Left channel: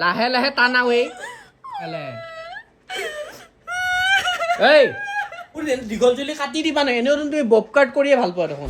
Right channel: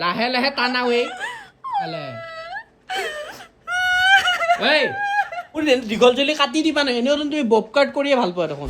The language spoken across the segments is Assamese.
লাহে লাহে টানাও এই মোৰ দীঘল চুলি কাটি দিবা নহয় এনেও তুমি বব কাট কৰিয়ে ভাল পোৱা দেখোন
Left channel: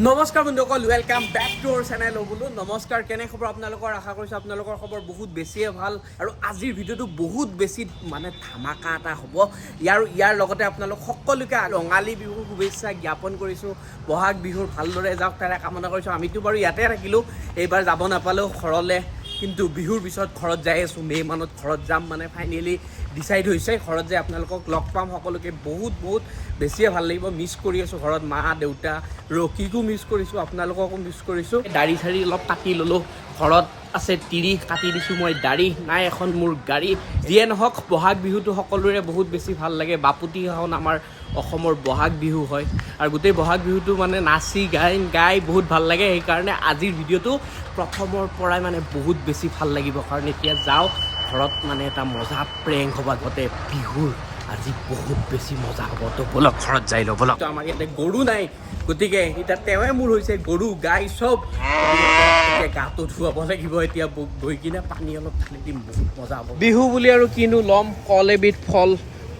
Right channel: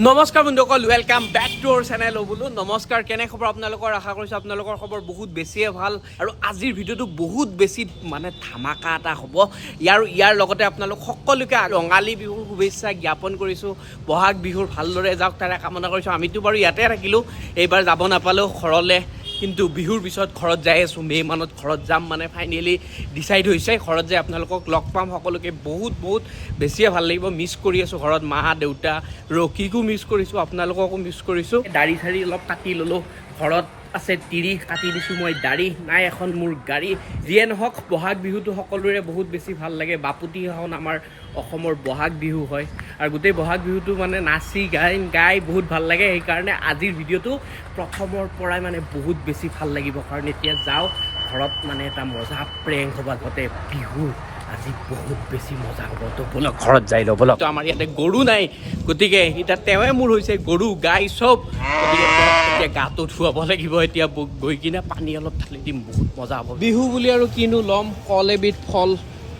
নমস্কাৰ বন্ধুসকল welcome back to our channel বোলো নমস্কাৰ কেনে খবৰ আপোনালোকৰ আশা কৰিছোঁ আপোনালোকৰ খবৰ বহুত বেছিয়ে ভাল আৰু আজিৰ ভিডিঅ'টো বহুত বেছি মানে ধামাকা এটা হ'ব ইয়াৰ লগতে আপোনালোক সকলোকে ৰঙালী বিহুৰ শুভেচ্ছা জ্ঞাপন কৰিছোঁ বহাগ বিহুৰ ভালদৰে যাওক তাৰে কামনা কৰিছোঁ আমিতো বাৰু ইয়াতে থাকিলোঁ এইবাৰ যাব নাপালেও ঘৰলৈ কিন্তু বিহুৰ পিছত ঘৰত যাই আছোঁ মে' মানত ঘৰত যাম মানে ফাইনেলি ডিচাইড হৈছে ঘৰত যাই আপোনালোকক লগ পাম সকলোকে বহুত বেছিয়ে ভাল লাগিব মিছ কৰি আছোঁ ঘৰত মা দেউতা ৰকিকো মিছ কৰিছোঁ আপোনালোককো মিছ কৰিছোঁ দাড়ি চাৰি অলপ কাটি ল'লোঁ ঘৰত আছে তিৰি কাটি দিছোঁ মই দাড়ি নাই এখন মোৰ গাড়ী যিয়ে নহওক বহাগ বিহুটো সকলোৰে বহুত বেছি ভাল লাগে বাপুতিসাহোন আমাৰ অসমৰ বহাগ বিহু হয় আৰু গোটেই বহাগ বিহুটো মানে নাচি গাই বহুত ভাল লাগে সেইকাৰণে আজিৰ ভিডিঅ'টো প্ৰথমৰ পৰাই মানে বহুত বেছি ভাল লাগিব কাৰণ এতিয়া যাওঁ ঘৰত মানে এটা মজা প্ৰেংক হ'ব গোটেই বিহুৰ আজি বহুত বেছি মজা হ'ব তো বলক ঘৰত যাই লওঁ বলক আমাৰ ইয়াতে গৰু নাই গতিকে এতিয়া তেওঁৱে মোৰ হৈছে গৰু গাই চব এতিয়া গাটো ধুৱাব লাগিব এতিয়া গৈ কিনে পানী অলপ ঢালি দিম বহুত মজা হ'ব বিহু বুলি আৰু কিনো ল'ম কল এবিধ ফল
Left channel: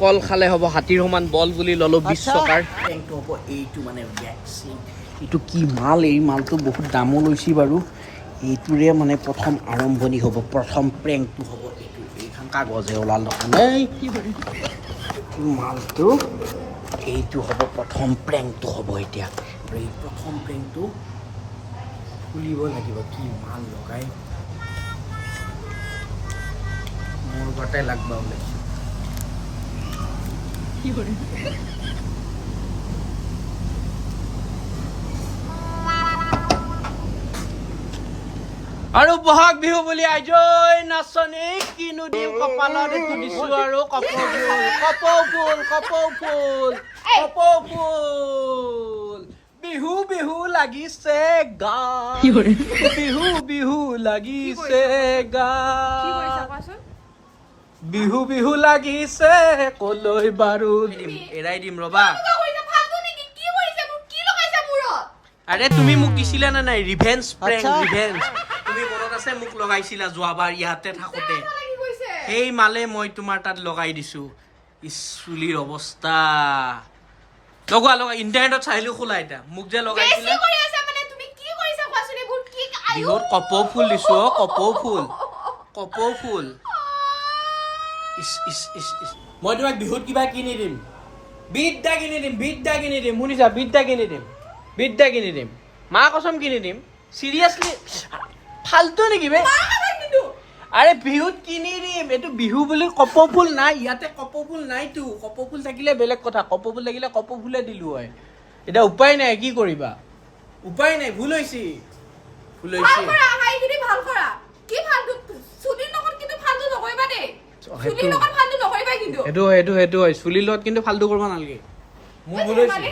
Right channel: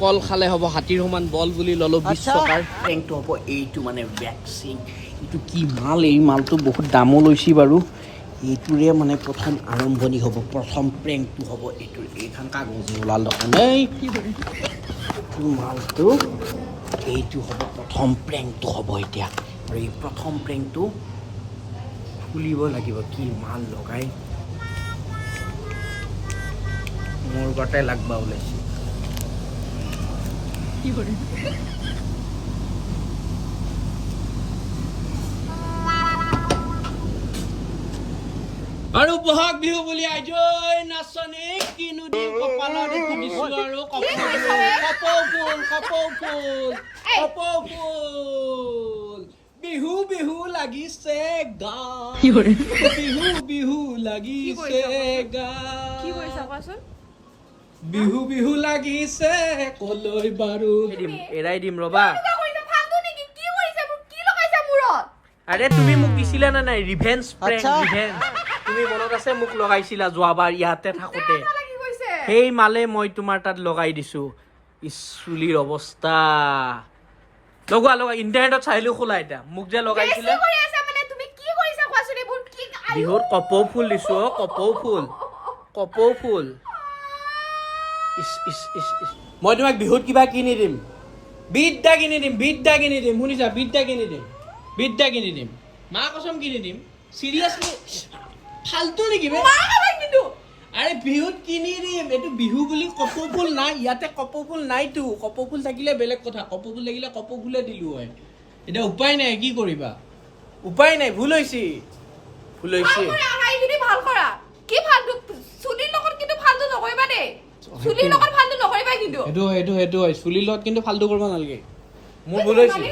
কল খালে হ'ব হাতীৰ সমান বল বুলি ল'লোঁ 20 টকাৰ প্ৰেংকটো হ'ব এইটো মানে ভেকচিন এইটো কি মাল এই মালটো বহুত দামো লৈছে বাৰু এইটোৰে মানে প্ৰথম আৰম্ভণি হ'ব প্ৰথম প্ৰেংকটো হ'ব এইটো এইখন কাগজে ওলাল এই মালটো এইটো হ'ব প্ৰথম প্ৰেংকটো হ'ব এতিয়া আৰু এই প্ৰথম প্ৰেংকটো খুলিব লাগিব কি মাল লগাই মোৰ গটাই লাগবা ওলাইছে আৰু বহাগ বিহু বুলি আজৈ নাচনী কিনো দিম কপালত একো দিছো আৰু কপৌ ফুল বিহু বিহু লাগিছে গা বিহু লাগিছে গা বিহু লাগিছে কলৈ বাৰু এৰাই দিম ৰবা আৰে তুমি মোক দিছিলা না নাই ৰিভেঞ্জ প্ৰেংক ৰিভেঞ্জ তুমি মনত আছে মোক লগাইছিলা যোৱাবাৰ ইয়াতে থাকোতে সেই মালে মই তোমাৰ তাত লগাই দিছো চুলিৰ অৱস্থা লগোৱা ইণ্টাৰনেটত চাইলো খোলা এতিয়া মোক যে লগাইছিলা বিহুত কপৌ ফুল দিছো কপৌ ফুল মই তোমাক বিহুত কিবা কিনি দিম বিদ্যা কিনি দিম শুনিছা বিদ্যা কিনি দিম মা কচম কিনি দিম চিৰিয়াছলি ফালতু নেকি বে আৰে বিহুত কিনি দিম এইটো বিহু বুলি কপৌ ফুল নাই ইয়াতে কপৌ ফুল নাইতো কপৌ ফুল থাকিলে বেলেগ কথা কপৌ ফুল থাকিলে কপৌ ফুলে দিলো হয় এতিয়া উপায় নাই কি কৰিবা উপায় নাই ভুল হৈছে সেইটো হয় চুলিৰ লগত কিন্তু ফালতু কৰিব নালাগে মোৰ ভুল হৈছে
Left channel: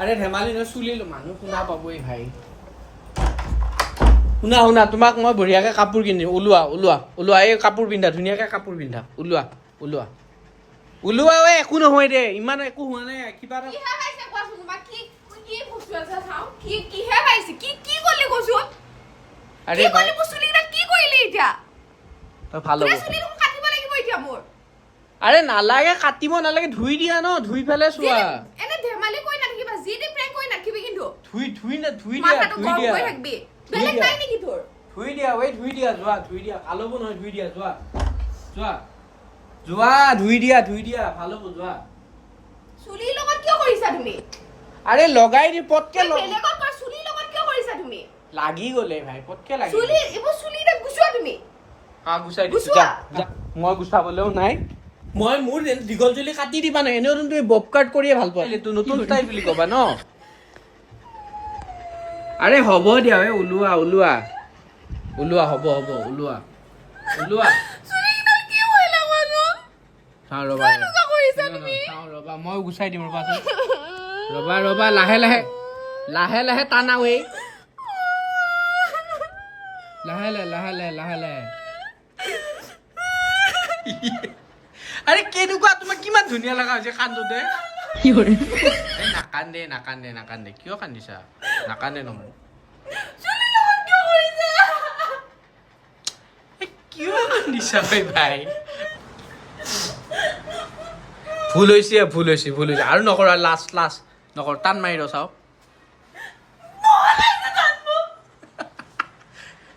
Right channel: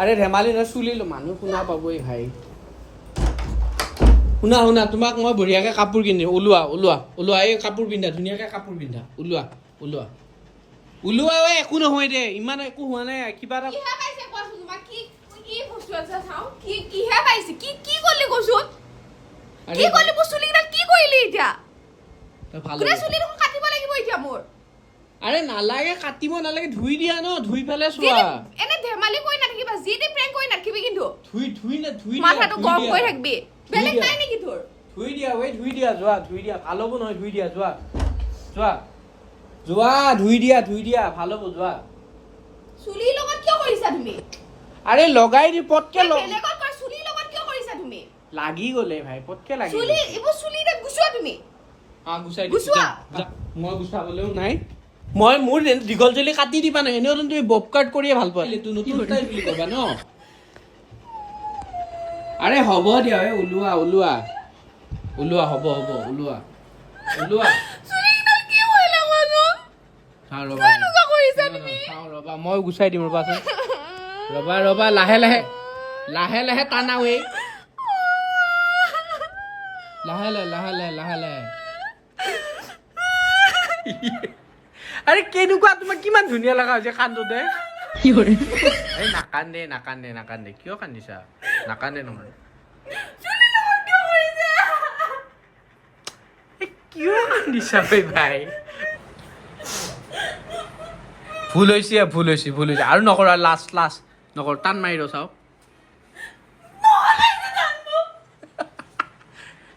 আৰে ধেমালি নহয় চুলি মানুহ শুনা পাবই ভাই শুনা তোমাক মই বঢ়িয়াকে কাপোৰ কিনিম ওলোৱা এই কাপোৰ পিন্ধা ধুনীয়াকে কাপোৰ পিন্ধা ওলোৱা একো নহয় দে ইমান একো হোৱা নাই কিবা এটা আৰে নালাগে কাটিব নালাগে ধুই দিয়া ন ধুই পেলাই চোৱা ধুই দিয়া ভাল হ'ব নহয় ধুই দিয়া যোৱা ভাল হ'ব যোৱা চুলিৰ লগত কিয় কৰিছা তুমি আৰে লগাই দি পটকে বেলেগৰ চুলিৰ লগত কিয় কৰিছা তুমি লাগি গলে ভাই পটকে লাগি চুলি এইবোৰ চুলিতে গুছোৱা তুমি গুচাই যা মই গুচাবলেও নাই মই মোৰ দীঘল চুলি কাটি দিবা নহয় এনেও তুমি বব কাট কৰিয়ে ভাল পোৱা এইটো নতুন ষ্টাইল বুলি ক'বা ন আৰে হ'ব দিয়া ওলোৱা হ'ব ওলোৱা ৰবা মই গুচাই দিম ৰবাচোন ৰবা লাহে লাহে টানাও লাহে আৰে কেনেকুৱা তোমাক কিমান ধুনীয়া লগা হৈছে কান্দোতে নাকান্দে কিয় কান্দিছা নাকান্দে নহয় চুলিৰ লগত কিয় কৰিছা কিয় কান্দিছা ভাই ভুল হৈছে আৰু নকৰা লাষ্ট নকৰ টান মাৰি ৰ চাওক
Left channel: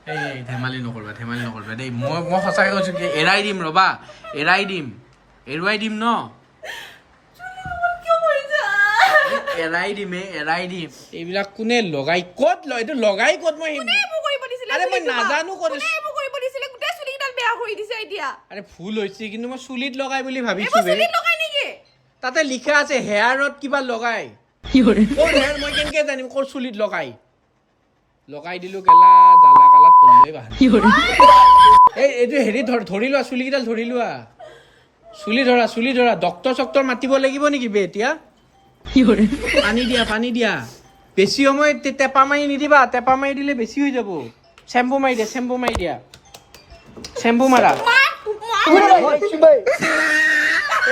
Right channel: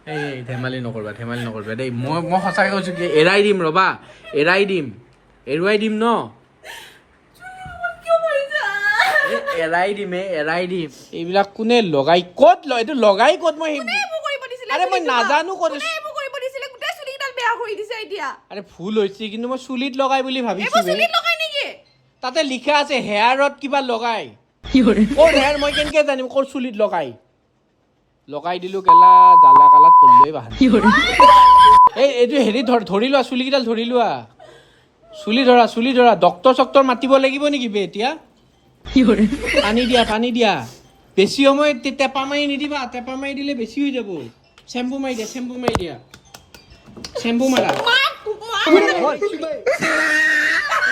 এই ধেমালি নকৰবা দেই মই সঁচাকৈ কৈছোঁ কি এৰাই দিম ৰ'বা এৰুৱাই দিম ন এৰাই দিম এইবিলাক কোনে লগাই ক'ত এইটো লগাই ক'ত মই আৰে মই নাজানো ক'ত আৰে ভুল হৈছে কিন্তু মই চুলিত লগাই বুলি ভাবিছো তাতে লিখা আছে হেয়াৰত কিবা লগাই ক'ৰ হেয়াৰ মই কেনেকে জানিম ক'ৰ চুলিত লগাই দিলো গেলা জ্বালা কালাত পল্লই বাহান এইটো হেৰি ধৰি লোৱা চুলিকেইডাল ধৰি লোৱা চুলি ধৰা ডক্তৰ মাতিব লাগিব নেকি বে এতিয়া পানী দিয়া বেছি সময় টেপা মাৰি নিদিবা টেপা মাৰি দিলে বেছি হৈ যাব চেম্পু মাৰি দিয়া চেম্পু মাৰা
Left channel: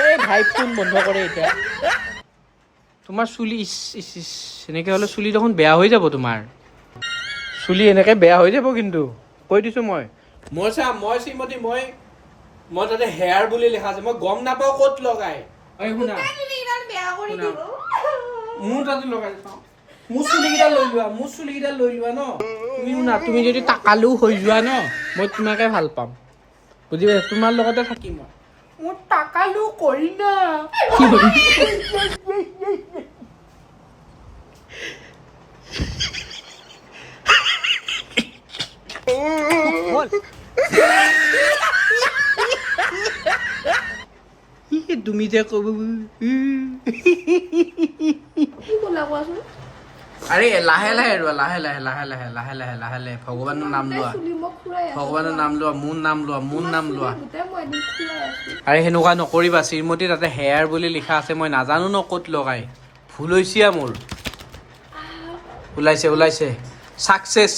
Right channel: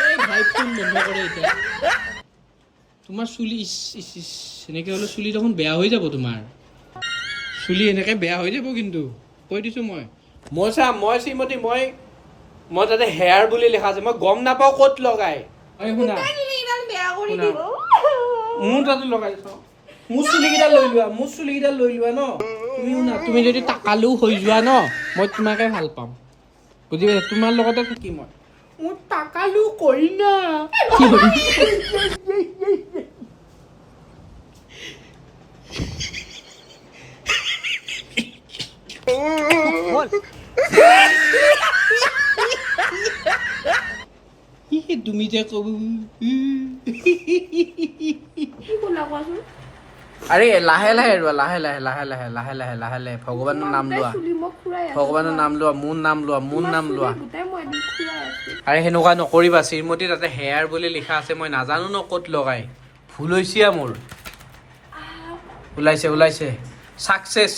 এই ভাই ফোন বন্ধ কৰে এতিয়া তোমাৰ চুলি এনেকে হ'লে চুলি দেখোন বেয়া হৈ যাব তোমাৰ চুলি এনেকে বেয়া হৈ যাব কিন্তু কৈ দিছো মই শ্ৰীমতী মই তাতে হেয়াৰ বুলি লিখা আছে মই গম নাপাওঁ ক'ত লগাই শুনা মোৰ তাতে লগাই চাওঁ মোৰ চুলিকেইটা লৈ লোৱা ন তুমি শুনা তুমি যদি টাকালু হৈ যোৱা ন মই তোমাকে ভাল পাম বুজি পাইছা তোমাৰ লগতে থাকিম মই মোৰ টাকালু কৰি না তুমি যে কব আৰে লাহে লাহে ভগৱানৰ নাম লোৱা মোৰ নাম লোৱা আৰে সেনেকুৱা নকৰিবা শ্ৰীমতী তাতে হেয়াৰ বুলি লিখা আছে মই নাজানো ন ক'ত লগাই ভুল হৈছে মোৰ ওলাইছে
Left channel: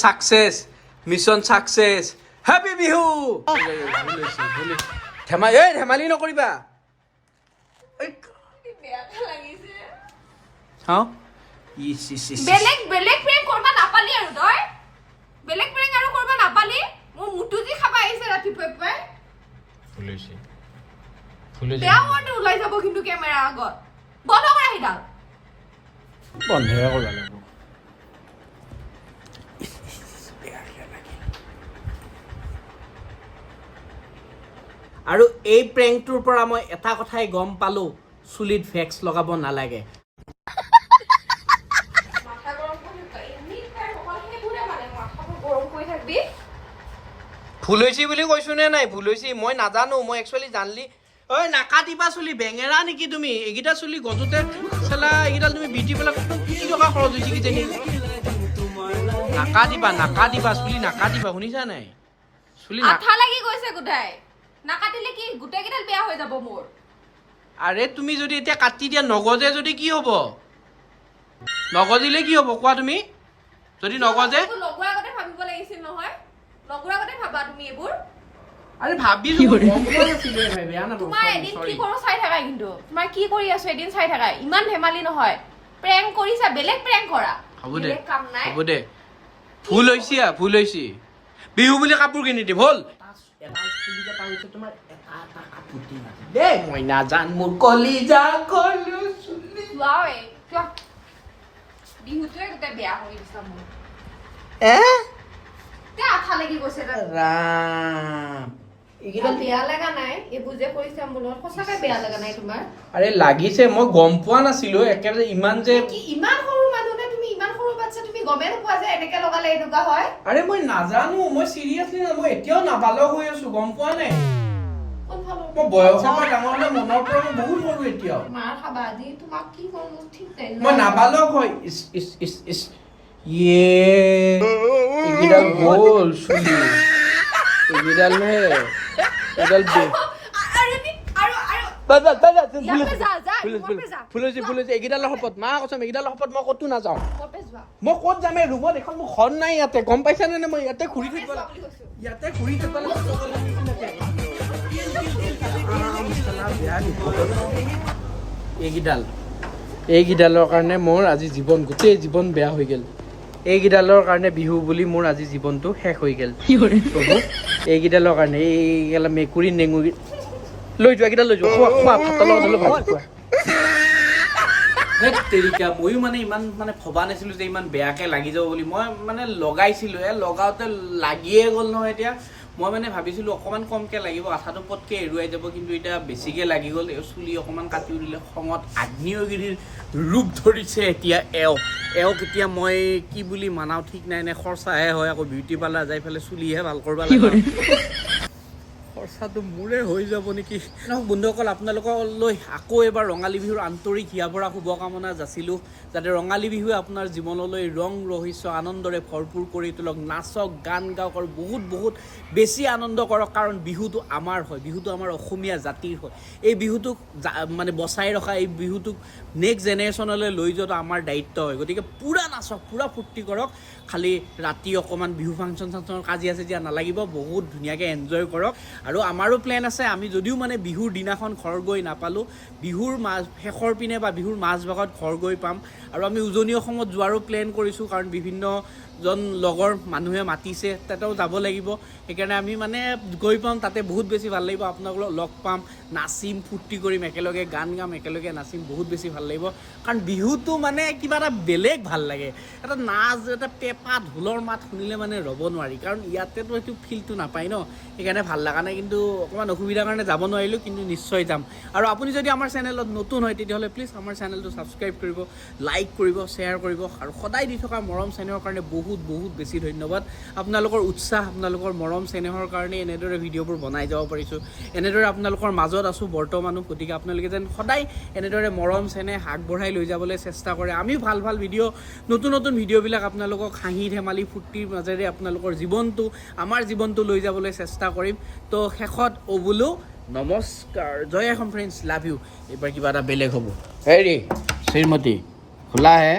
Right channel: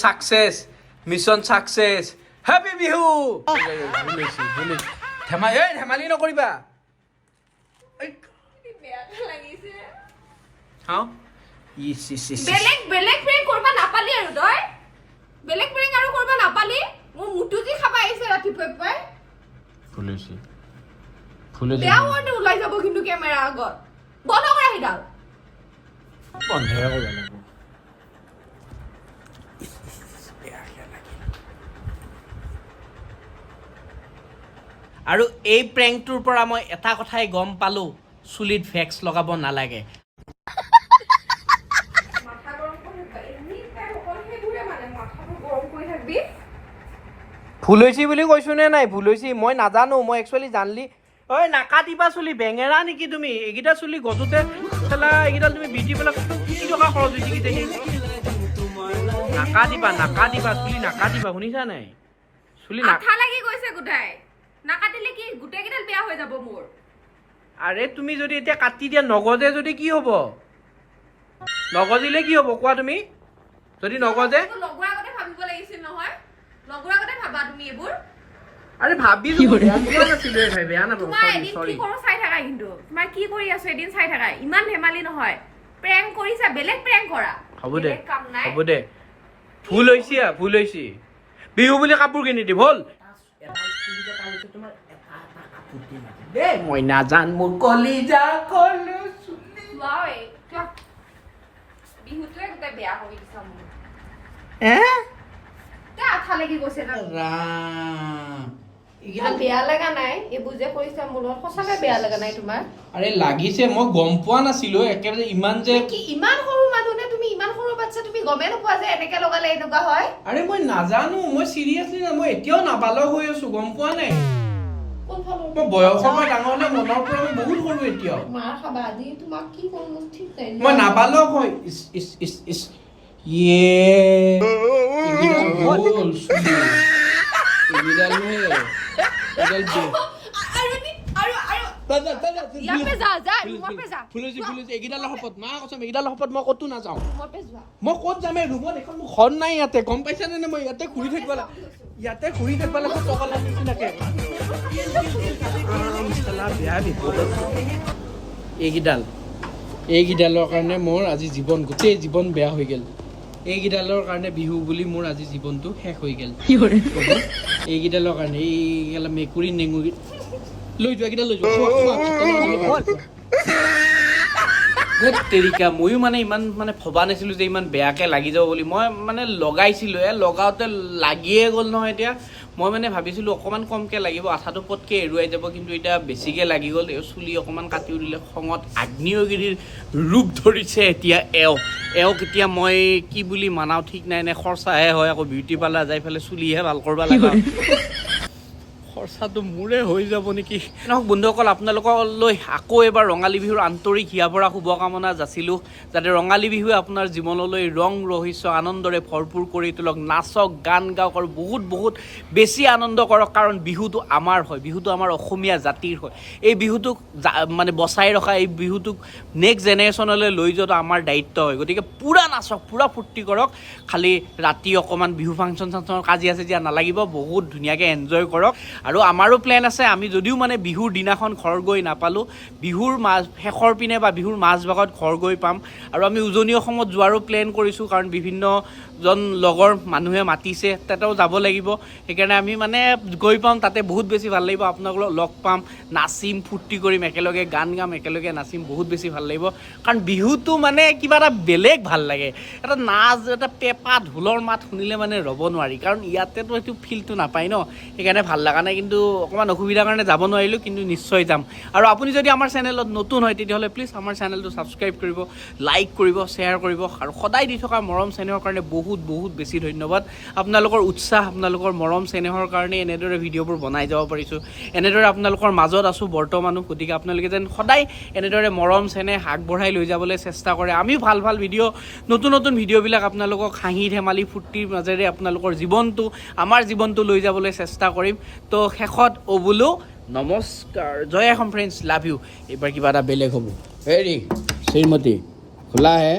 success mission success happy Bihu ধেমালি নকৰিবা বেলেগ প্ৰেং কৰবা নাপালি আৰু তই বেলেগ প্ৰেং আৰু কৰবা নাপালি মোৰ মুটু কি খাবা আহিছে ৰাতিপুৱাই ভুল হৈছে বেয়া হোৱাটো ওলাই যাব কিন্তু কেমেৰা আগত বন্ধ কৰা সিডাল বন্ধই কৰিব লাগিব আৰু এই প্ৰেংকটোৰ পৰা মই এটা কথাই গম পালো চুলিত ভেক্স লগাব নালাগে ভুল হৈছে বুলি কৈছো নে নাই ভুল হৈছে মই নাজানো মই একচুৱেলি জানলি ঐ নাকাটিবা চুলি বেঙেৰা নেকি তুমি এইকেইটা চুলি গজোতে চালা এইকেইডাল তুমি বিজি পেলাই কি টকা খৰচ হৈছে নাকাটিবা চুলি নাকাটিবা শুনিছা নাই চুলি আঠা লাগি গৈছে গোটাই নাকাটিলে কি গোটেই কেইডাল বেয়া হৈ যাব মোৰ আৰে তুমি যদি এতিয়া কাটি দিয়া নগজে যদি কি হ'ব নগজিলে কি হ'ব কোৱা তুমি যদি নগজে লগোৱাৰ আগতে ভাবিব লাগিছিল নহয় লগোৱাৰ আগতে ভাবা তুমি এইবোৰ আৰে ভাবিছো বেয়া নাপাব তোমাৰ এদিন কি কৰো চাই থাকা কিন্তু তোমাৰ কি কৰি আছো এদিন চাই থাকা ইমান ধেমালি নহয় প্ৰেংক কৰিছা বেলেগ প্ৰেংক কৰা হ'ব দে ভুল হৈছে বিহু বুলি কাপোৰ কিনি দিম হ'ল মই নাজান মোৰ কলিজা কলো বিহুটোৱে গোটেই বেয়া কৰি দিছা মোৰ আঠা লাগি গৈছে বেয়া লগা নাই এইবোৰ যে কৰিছা মোৰ লগত সঁচাকৈ বেয়া লগা নাই তোমাৰ আৰে লাগিছে মই গম পোৱা নাছিলো একেবাৰে ইমান যে ইমান সৰু মানুহে তুমি ইমান সৰু বাচ্চা তুমি গমে নোপোৱা যে এনেকে লগালে এনেকুৱা হয় আৰে মই নাজানো মই চিৰিয়াছলি মই এতিয়াও নাবালক হৈ আছো গম পোৱা নাই মই বয়সৰ পৰা ডাঙৰ হ'লে মনৰ পৰা বহুত সৰু এতিয়াও মাৰ খাবা আজি তোমাক কি কৰোঁ ঠিক নাই মই নাবালক হয় এইকেইডাল গ'ল চুলি এইকেইডাল এইকেইডালৰ শপত মা কৈছে এইকেইডালৰ শপত মই ক'তো নাযাওঁ মই ক'ত যাম এই ৰুমত এখন মোৰ ঘৰ নাই ইয়াতে গম পাইছা নে মই ইয়াতে ঘূৰি থাকিব এইকেইডালৰ কাৰণে মোৰ আজি গোটেই জীৱন বেয়া হৈ গ'ল এইকেইডালৰ কাৰণে বিহু বুলি মোৰ আজি জীৱনটো শেষ হৈ গ'ল এইকেইডালৰ কাৰণে এইগেলা মেকুৰী নেঙুৰী লৈ যোৱা কেইটা লৈ যোৱা তেৰিকা ময়ো মানে ইমান মানে ভবা নাছিলোঁ যে ইমান বেয়াকৈ লাগি যাব বুলি মই মানে লগাইছিলোঁ লগাওঁতে লাগিয়ে গ'ল নহয় এতিয়া মই মানে ভাবিছিলোঁ অকণমান কমকৈ লাগিব আঠাটো পটকৈ এৰুৱাই যাব কিন্তু এতিয়া বেছিকৈ লাগি গ'ল এই চুলি অকণমান কাটিও দিলে খঙত আগ্নেয়গিৰিৰ ৰূপ ধৰিছে এতিয়া এওক এতিয়া মই কি বুলি মানাও ঠিক নাই নে খৰচাহে হয় আকৌ বিউটি পাৰ্লাৰ যাই পেলাই চুলিহে ভাল কৰিব লাগে খৰচাটো মোৰে হৈ যাব নেকি নহওক বন্ধুসকল আপোনালোকলৈ আকৌ এবাৰ ৰঙালী বিহুৰ আন্তৰিক হিয়া ভৰা শুভকামনা যাচিলোঁ যাতে ৰঙালী বিহুৱে আপোনাৰ জীৱনলৈ ৰং ৰহস্য আনন্দৰে ভৰপূৰ কৰি তোলক নাচক গান গাওক আৰু বহুত বহুত বেছি আনন্দ কৰক কাৰণ বিহুটো আমাৰ হয় বিহুটো আমাৰ অসমীয়া জাতিৰ হয় এই বিহুটোক মানে বচাই ৰখা এই বিহুটোক নেক্সট জেনেৰেশ্যনলৈ লৈ যোৱাটো আমাৰ দায়িত্ব হয় গতিকে পূৰা নাচক পূৰা ফূৰ্তি কৰক খালি ৰাতি অকণমান বিহু ফাংচন চাংচনৰ কাজিয়া চাজিয়া নালাগিব বহুত ধুনীয়াকৈ এনজয় কৰক আৰু আমাৰো প্লেন আছে আমি যদিও মানে বিহুৰ দিনাখন ঘৰ গৈ নাপালোঁ বিহুৰ শেষৰ পিনে বা বিহুৰ মাজভাগত ঘৰ গৈ পাম আৰু আমি উজনি অসমত যোৱাৰো প্লেন কৰিছোঁ কাৰণ বিভিন্নজন লগৰ মানুহে মাতিছে তাতেও যাব লাগিব সেইকাৰণে আমি মানে গৈ পাম তাতে বহুত বেছি ভাল লাগিব আপোনালোকক লগ পাম নাচিম ফূৰ্তি কৰিম একেলগে গান গাম একেলগে নাচিম বহুত বেছি ভাল লাগিব কাৰণ বিহুটো মানে কিবা এটা বেলেগ ভাল লাগে এটা নাচ এটা পেঁপা ঢোলৰ মাত শুনিলে মানে ৰ'ব নোৱাৰি কাৰণ ইয়াতেতো এইটো ফিলটো নাপায় ন সেইকাৰণে ভাল লগা নাই কিন্তু অকণমান অসুবিধাৰ কাৰণে যাব নোৱাৰিলোঁ কিন্তু নিশ্চয় যাম আৰু আপুনি যদি আমাৰ চেনেলত নতুন হয় তেতিয়াহ'লে প্লিজ আমাৰ চেনেলটো ছাবস্ক্ৰাইব কৰিব লাইক কৰিব শ্বেয়াৰ কৰিব আৰু সদায় দি থকা মৰম চেনেহৰ কাৰণে বহুত বহুত বেছি ধন্যবাদ আপোনালোকৰ উৎসাহ আপোনালোকৰ মৰম চেনেহৰ কাৰণে এনেদৰে ভিডিঅ'বোৰ বনাই যাব পাৰিছোঁ এনেদৰে আপোনালোকৰ মাজত আছোঁ বৰ্তমানো গতিকে আপোনালোকে যেন সদায় এনেদৰে মৰম চেনেহ আগবঢ়াই লৈ যাবলৈ চেষ্টা কৰে আমিও ভাল ভাল ভিডিঅ' নতুন নতুন ভিডিঅ'বিলাক আপোনালোকক হাঁহি ধেমালি ফূৰ্তিৰ মাজেৰে আপোনালোকৰ জীৱনটো আমাৰ জীৱনটো লৈ যাবলৈ চেষ্টা কৰিম তো শেষত বোলো নমস্কাৰ জয় অসম ফ্ৰেণ্ডছ লাভ ইউ এইবাৰ কিবা এটা বেলেগ হ'ব হেৰি শ্ৰীমতী খোলা হে